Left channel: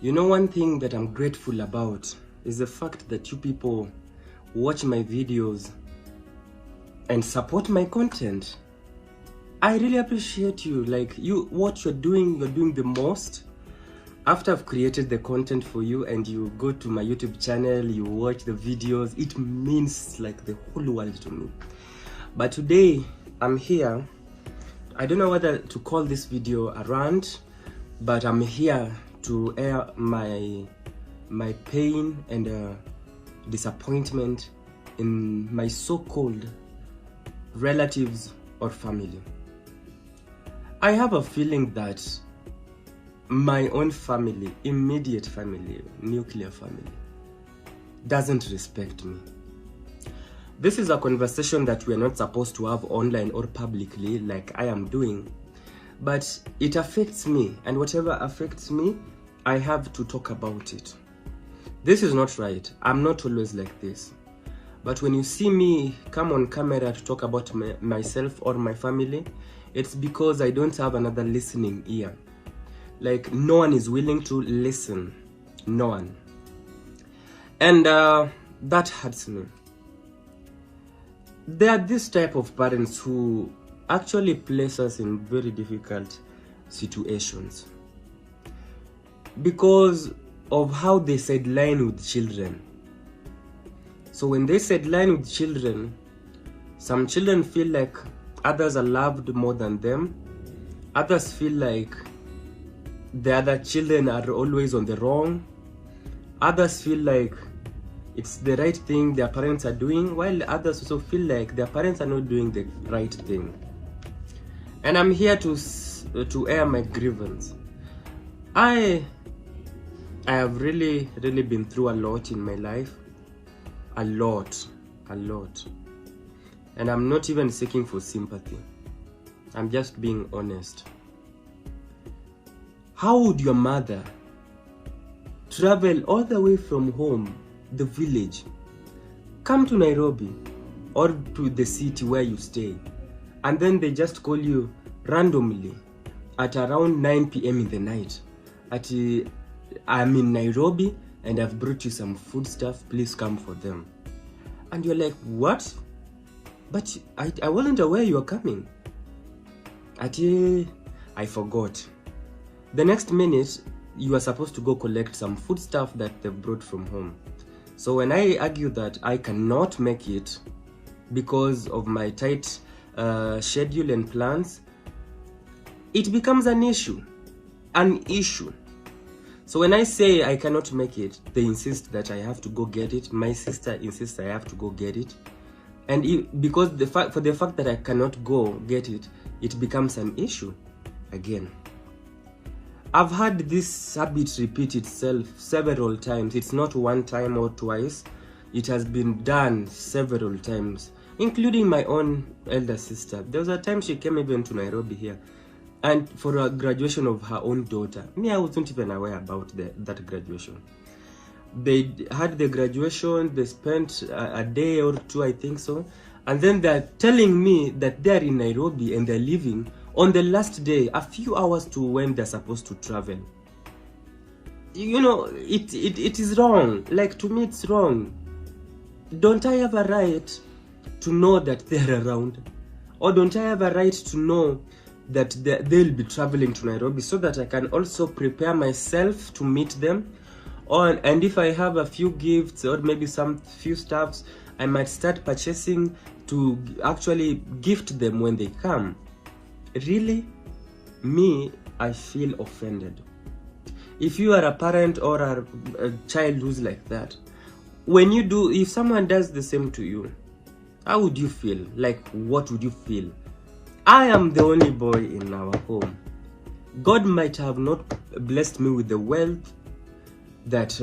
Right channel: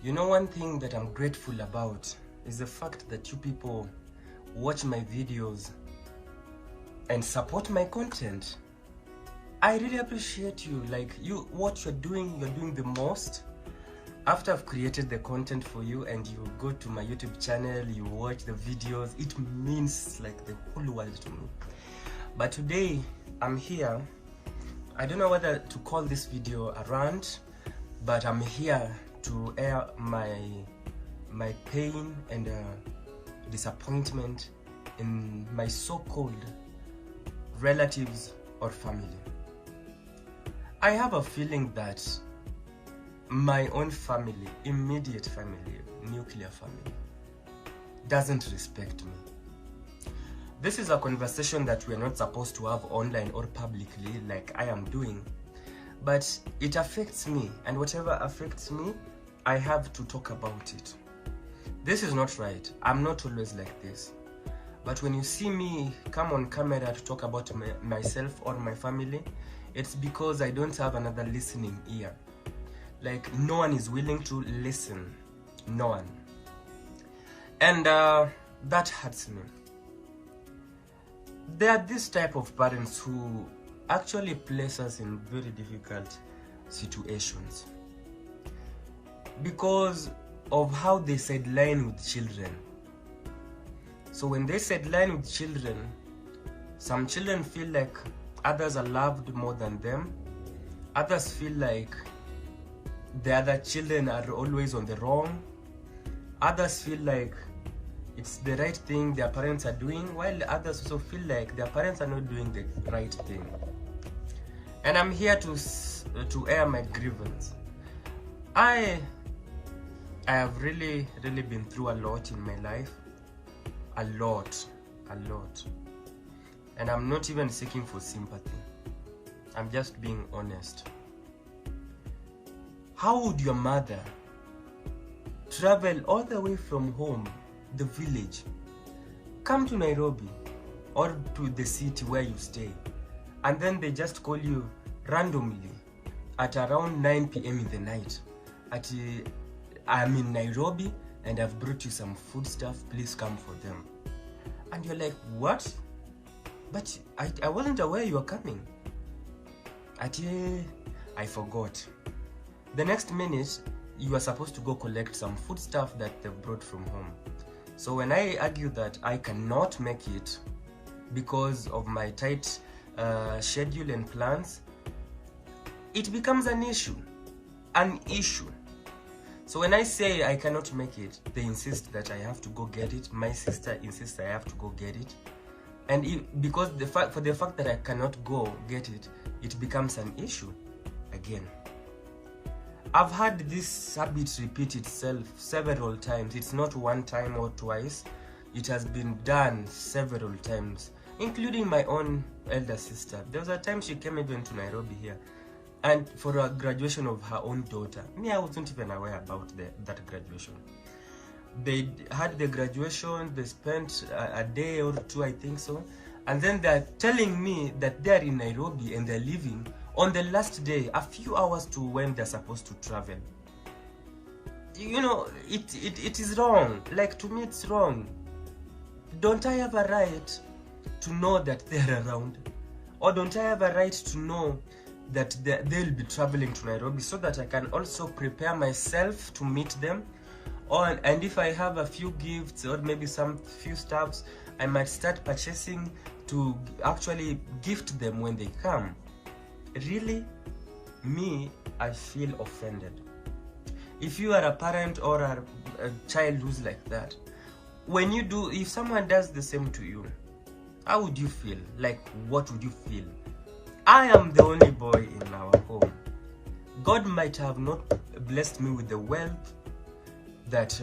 You know, one thing that I'm grateful about is the fact that you people watch my videos and support my content. I really appreciate you. Like, what you're doing the most. After I've created the content for you and you go to my YouTube channel, you watch the videos, it means like the whole world to me. But today I'm here. I don't know whether to call this video a rant, but I'm here to air my pain and disappointment in my so-called relatives or family. I have a feeling that my own family, immediate family, nuclear family, doesn't respect me. This is a conversation that we are not supposed to have online or publicly like I am doing, but it affects me, and whatever affects me, I have to talk about it. This is not right. I'm not always like this. But when you see me come on camera to talk about myself or my family, it's because I don't have another listening ear. Like, no one is willing to listen. No one. And that hurts me. There are this type of parents who actually place us in very difficult situations because of how they sideline with children. So when they sideline with children, some children feel like others are loved more than them. Others feel like the other children are always on the wrong. Others feel like it's the right thing their parents are doing, while others also feel like their parents are not doing the right thing. And I'm here to air my grievance. I have really been through a lot in my life. A lot. And I'm not even seeking for sympathy. I'm just being honest. How would your mother travel all the way from home, the village, come to Nairobi or to the city where you stay, and then they just call you randomly at around 9 p.m. in the night I'm in Nairobi and I've brought you some food stuff, please come for them. And you're like, what? But I wasn't aware you were coming. I forgot. The next minute, you are supposed to go collect some food stuff that they've brought from home. So when I argue that I cannot make it because of my tight schedule and plans, it becomes an issue. So when I say I cannot make it, they insist that I have to go get it. My sister insists I have to go get it. And because for the fact that I cannot go get it, it becomes an issue again. I've had this habit repeat itself several times. It's not one time or twice. It has been done several times, including my own elder sister. There was a time she came even to Nairobi here, and for a graduation of her own daughter. Me, I wasn't even aware about that graduation. They had the graduation, they spent a day or two, I think so, and then they're telling me that they're in Nairobi and they're leaving on the last day, a few hours to when they're supposed to travel. You know, it is wrong. Like, to me, it's wrong. Don't I have a right to know that they're around? Or don't I have a right to know that they'll be traveling to Nairobi so that I can also prepare myself to meet them? And if I have a few gifts or maybe some few stuffs, I might start purchasing to actually gift them when they come. Really? Me, I feel offended. If you are a parent or a child who's like that, if someone does the same to you, how would you feel? Like, what would you feel? I am the only boy in our home. God might have not blessed me with the wealth that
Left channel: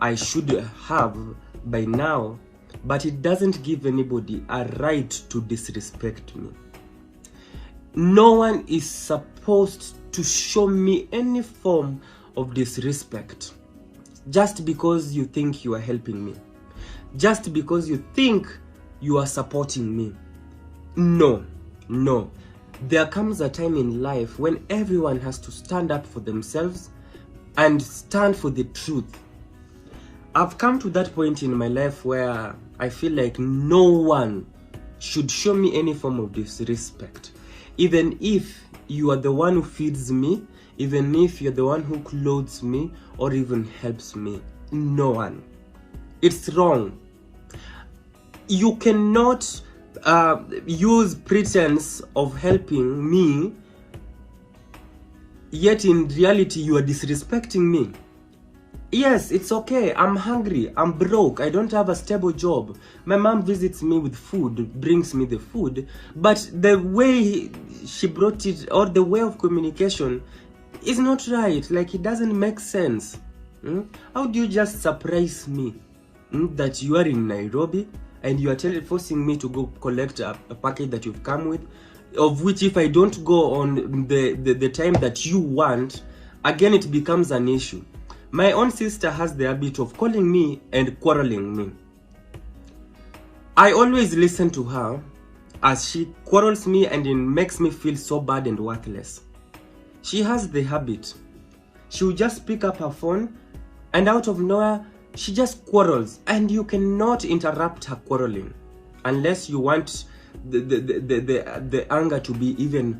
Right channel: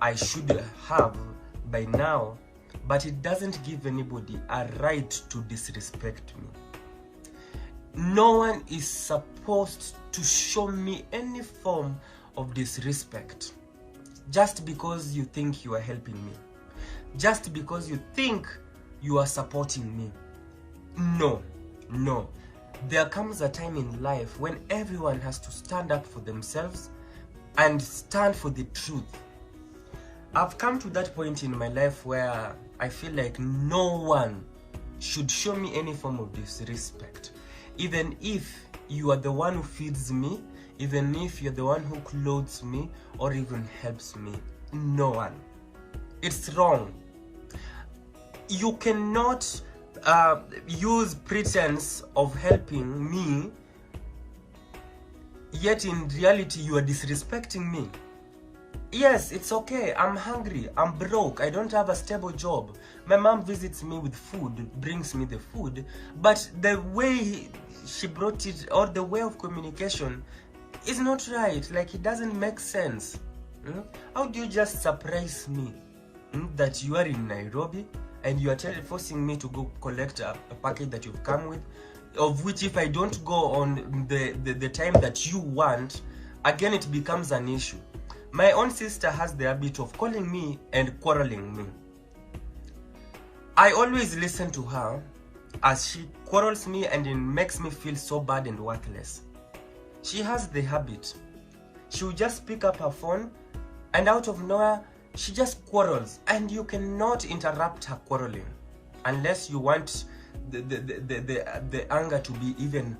I should have by now, but it doesn't give anybody a right to disrespect me. No one is supposed to show me any form of disrespect just because you think you are helping me, just because you think you are supporting me. No. There comes a time in life when everyone has to stand up for themselves, and stand for the truth. I've come to that point in my life where I feel like no one should show me any form of disrespect. Even if you are the one who feeds me, even if you're the one who clothes me, or even helps me. No one. It's wrong. You cannot use pretense of helping me, yet in reality you are disrespecting me. Yes, it's okay. I'm hungry. I'm broke. I don't have a stable job. My mom visits me with food, brings me the food. But the way she brought it, or the way of communication, is not right. Like, it doesn't make sense. How do you just surprise me that you are in Nairobi and you are forcing me to go collect a package that you've come with, of which if I don't go on the time that you want, again it becomes an issue. My own sister has the habit of calling me and quarreling me. I always listen to her as she quarrels me, and it makes me feel so bad and worthless. She has the habit. She will just pick up her phone and out of nowhere, she just quarrels, and you cannot interrupt her quarreling unless you want the anger to be even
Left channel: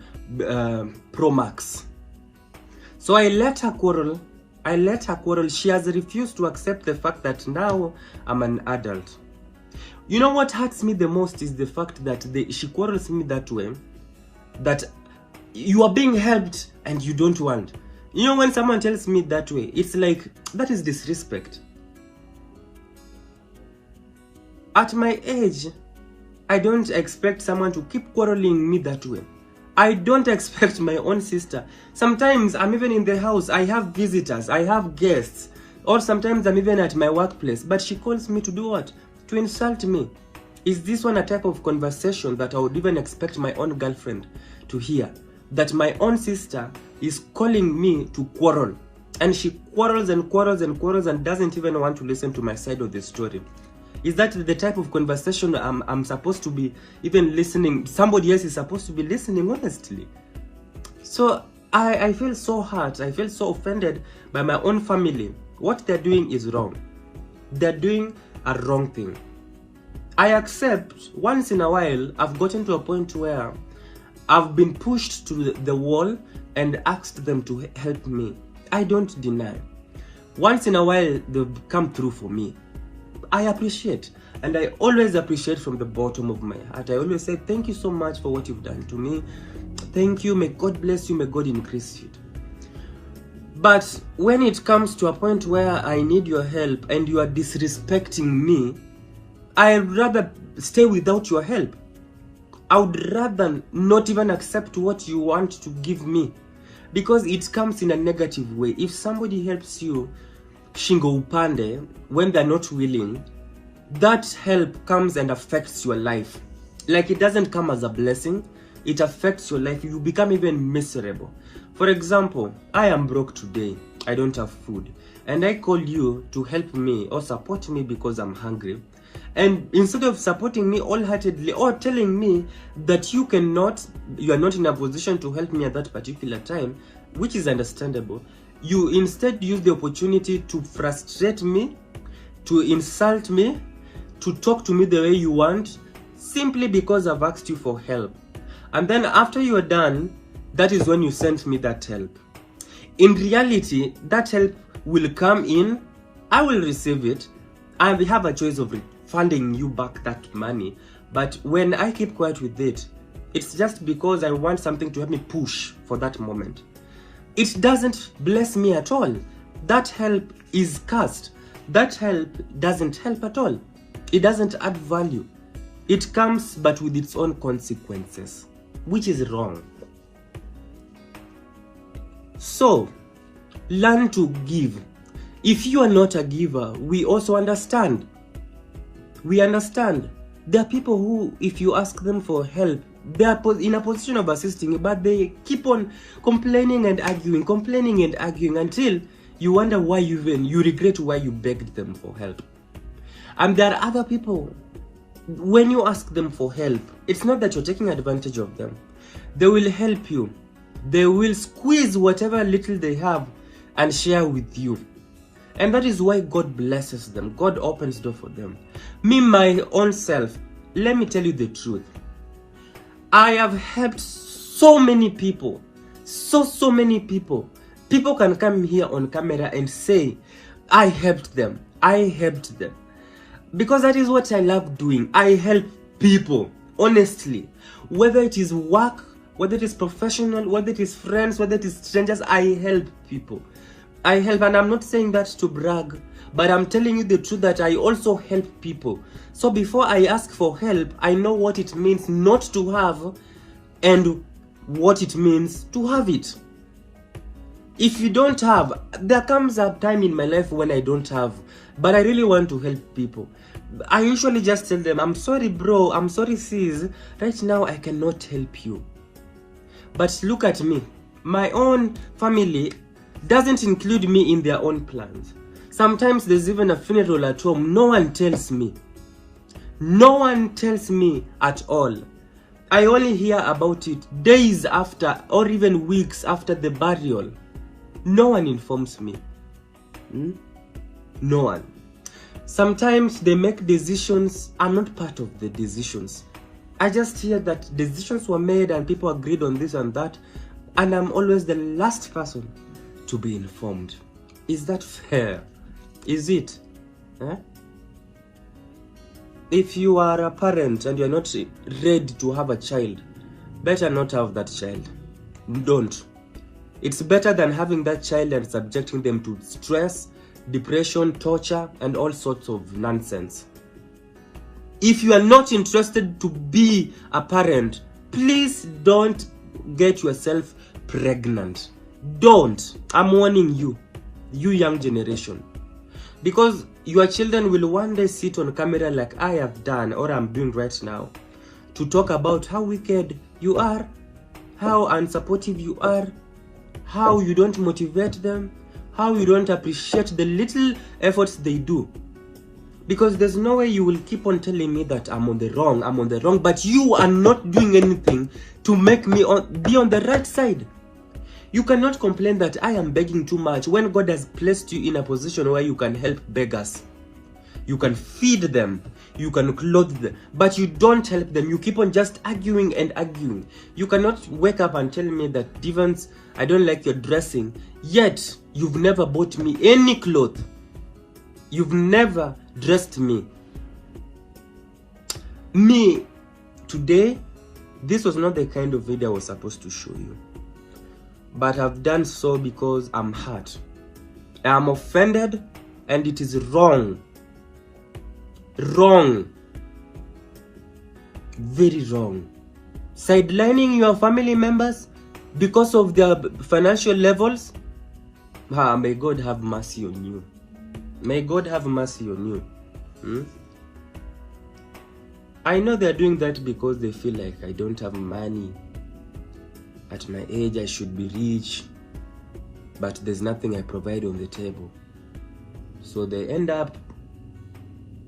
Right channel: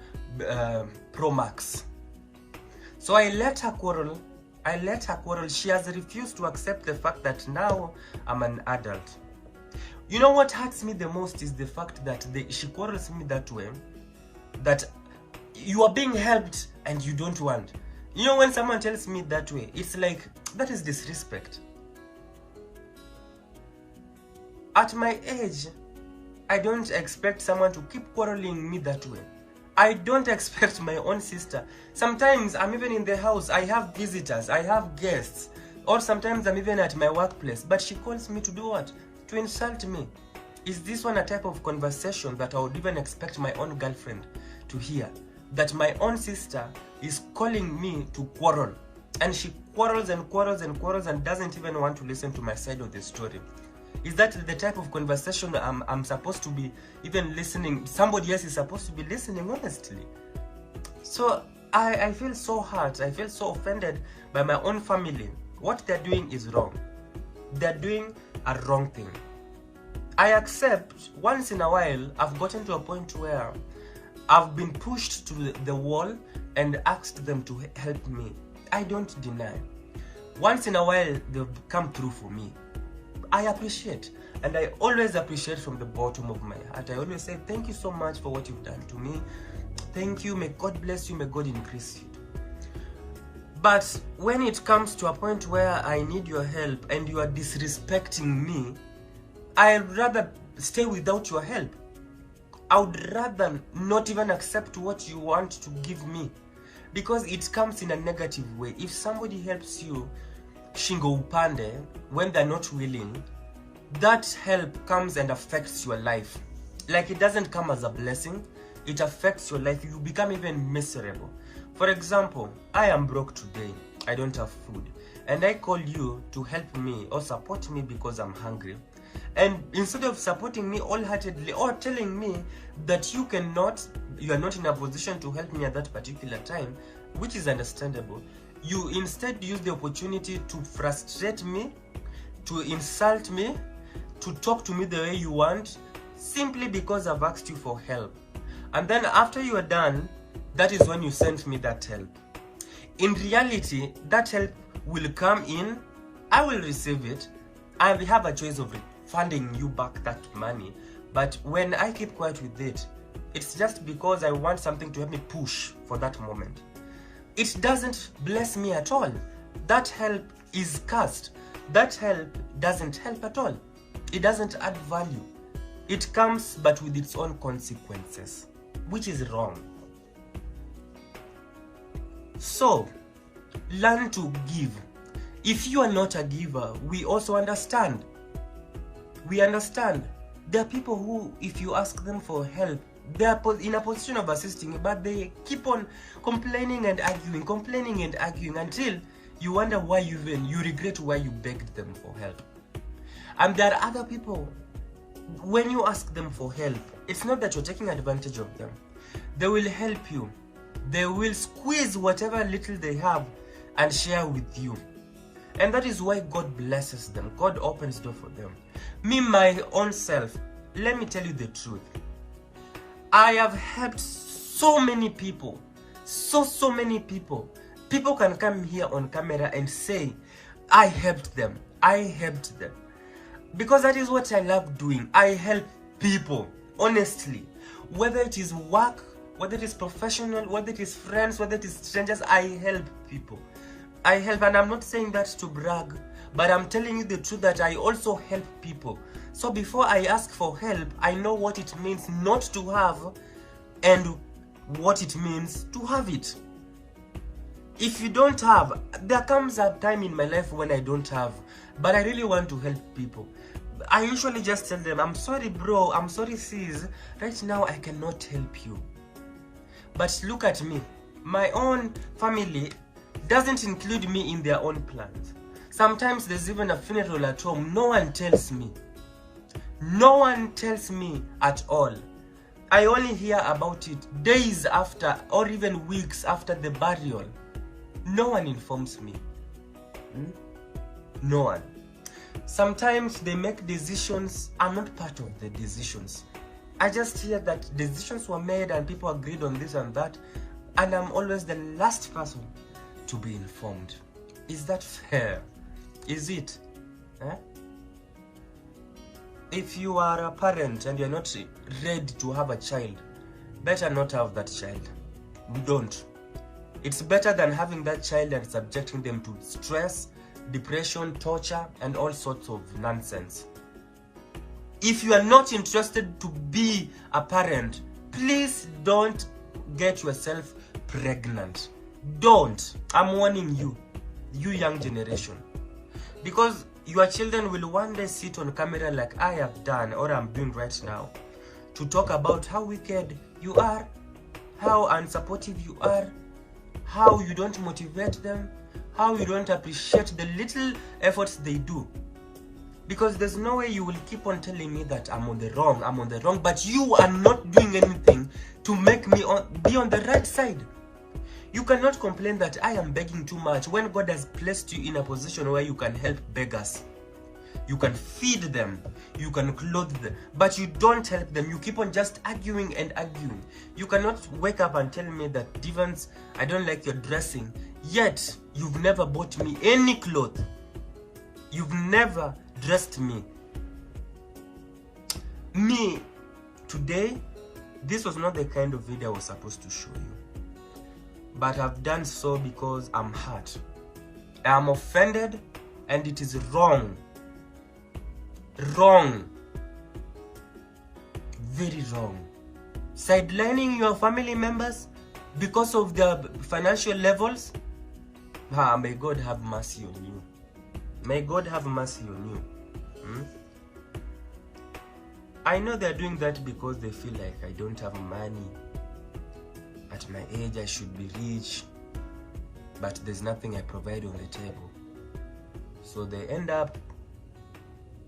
pro max. So I let her quarrel. She has refused to accept the fact that now I'm an adult. You know what hurts me the most is the fact that she quarrels me that way, that you are being helped and you don't want. You know, when someone tells me that way, it's like, that is disrespect. At my age, I don't expect someone to keep quarreling me that way. I don't expect my own sister. Sometimes I'm even in the house, I have visitors, I have guests, or sometimes I'm even at my workplace, but she calls me to do what? To insult me. Is this one a type of conversation that I would even expect my own girlfriend to hear? That my own sister is calling me to quarrel, and she quarrels and quarrels and quarrels and doesn't even want to listen to my side of the story. Is that the type of conversation I'm supposed to be even listening? Somebody else is supposed to be listening, honestly. So I feel so hurt. I feel so offended by my own family. What they're doing is wrong. They're doing a wrong thing. I accept once in a while I've gotten to a point where I've been pushed to the wall and asked them to help me. I don't deny. Once in a while they've come through for me. I appreciate, and I always appreciate from the bottom of my heart. I always say thank you so much for what you've done to me. Thank you, may God bless you, may God increase you. But when it comes to a point where I need your help and you are disrespecting me, I'd rather stay without your help. I would rather not even accept what you want to give me, because it comes in a negative way. If somebody helps you shingo upande when they're not willing, that help comes and affects your life. Like, it doesn't come as a blessing, it affects your life. You become even miserable. For example, I am broke today, I don't have food, and I call you to help me or support me because I'm hungry. And instead of supporting me wholeheartedly or telling me that you are not in a position to help me at that particular time, which is understandable, you instead use the opportunity to frustrate me, to insult me, to talk to me the way you want, simply because I've asked you for help. And then after you are done, that is when you sent me that help. In reality, that help will come in, I will receive it, and we have a choice of refunding you back that money. But when I keep quiet with it, it's just because I want something to help me push for that moment. It doesn't bless me at all. That help is cursed. That help doesn't help at all. It doesn't add value. It comes but with its own consequences, which is wrong. So, learn to give. If you are not a giver, we also understand. We understand. There are people who, if you ask them for help, they are in a position of assisting you, but they keep on complaining and arguing until you wonder why you regret why you begged them for help. And there are other people, when you ask them for help, it's not that you're taking advantage of them. They will help you. They will squeeze whatever little they have and share with you. And that is why God blesses them. God opens door for them. Me, my own self, let me tell you the truth. I have helped so many people. So many people. People can come here on camera and say, I helped them. I helped them. Because that is what I love doing. I help people, honestly. Whether it is work, whether it is professional, whether it is friends, whether it is strangers, I help people. I help, and I'm not saying that to brag, but I'm telling you the truth that I also help people. So before I ask for help, I know what it means not to have and what it means to have it. If you don't have, there comes a time in my life when I don't have, but I really want to help people. I usually just tell them, I'm sorry bro, I'm sorry sis, right now I cannot help you. But look at me, my own family doesn't include me in their own plans. Sometimes there's even a funeral at home, no one tells me. No one tells me at all. I only hear about it days after or even weeks after the burial. No one informs me. No one. Sometimes they make decisions. I'm not part of the decisions. I just hear that decisions were made and people agreed on this and that, and I'm always the last person to be informed. Is that fair? Is it? If you are a parent and you're not ready to have a child, better not have that child. Don't. It's better than having that child and subjecting them to stress, depression, torture, and all sorts of nonsense. If you are not interested to be a parent, please don't get yourself pregnant. Don't. I'm warning you, you young generation. Because your children will one day sit on camera like I have done or I'm doing right now to talk about how wicked you are, how unsupportive you are, how you don't motivate them, how you don't appreciate the little efforts they do. Because there's no way you will keep on telling me that I'm on the wrong, but you are not doing anything to make me be on the right side. You cannot complain that I am begging too much when God has placed you in a position where you can help beggars. You can feed them, you can clothe them, but you don't help them. You keep on just arguing and arguing. You cannot wake up and tell me that, Devans, I don't like your dressing, yet you've never bought me any clothes. You've never dressed me. Me, today, this was not the kind of video I was supposed to show you. But I've done so because I'm hurt. I'm offended and it is wrong. Wrong. Very wrong. Sidelining your family members because of their financial levels. May God have mercy on you. May God have mercy on you. I know they're doing that because they feel like I don't have money. At my age, I should be rich, but there's nothing I provide on the table. So they end up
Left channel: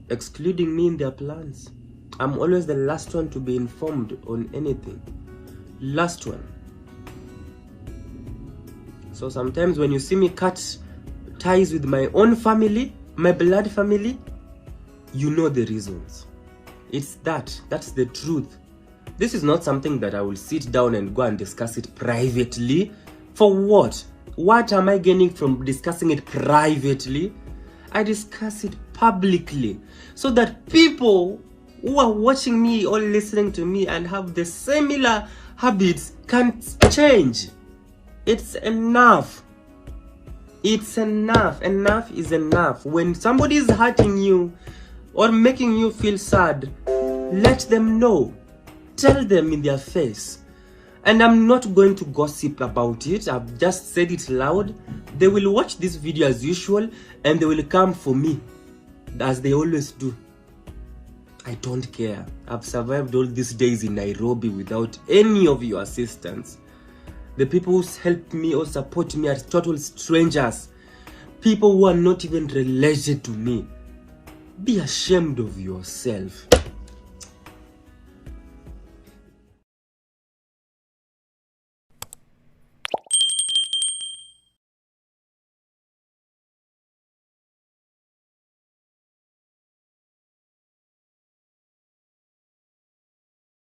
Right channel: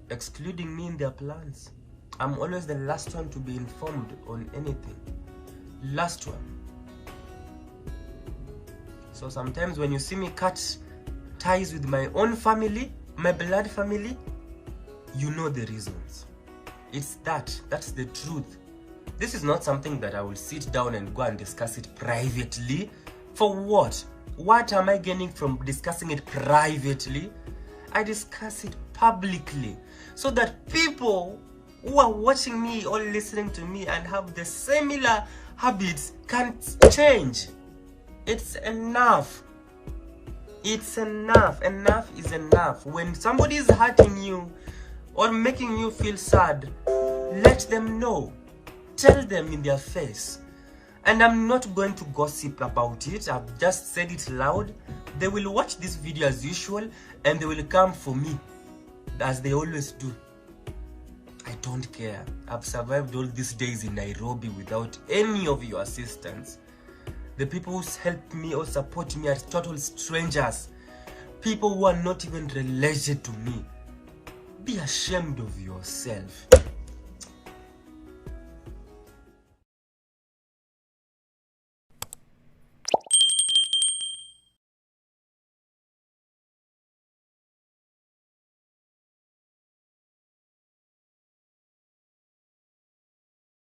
excluding me in their plans. I'm always the last one to be informed on anything. Last one. So sometimes when you see me cut ties with my own family, my blood family, you know the reasons. It's that's the truth. This is not something that I will sit down and go and discuss it privately. For what? What am I gaining from discussing it privately? I discuss it publicly so that people who are watching me or listening to me and have the similar habits can change. It's enough. It's enough. Enough is enough. When somebody is hurting you or making you feel sad, let them know. Tell them in their face. And I'm not going to gossip about it. I've just said it loud. They will watch this video as usual and they will come for me as they always do. I don't care. I've survived all these days in Nairobi without any of your assistance. The people who help me or support me are total strangers. People who are not even related to me. Be ashamed of yourself.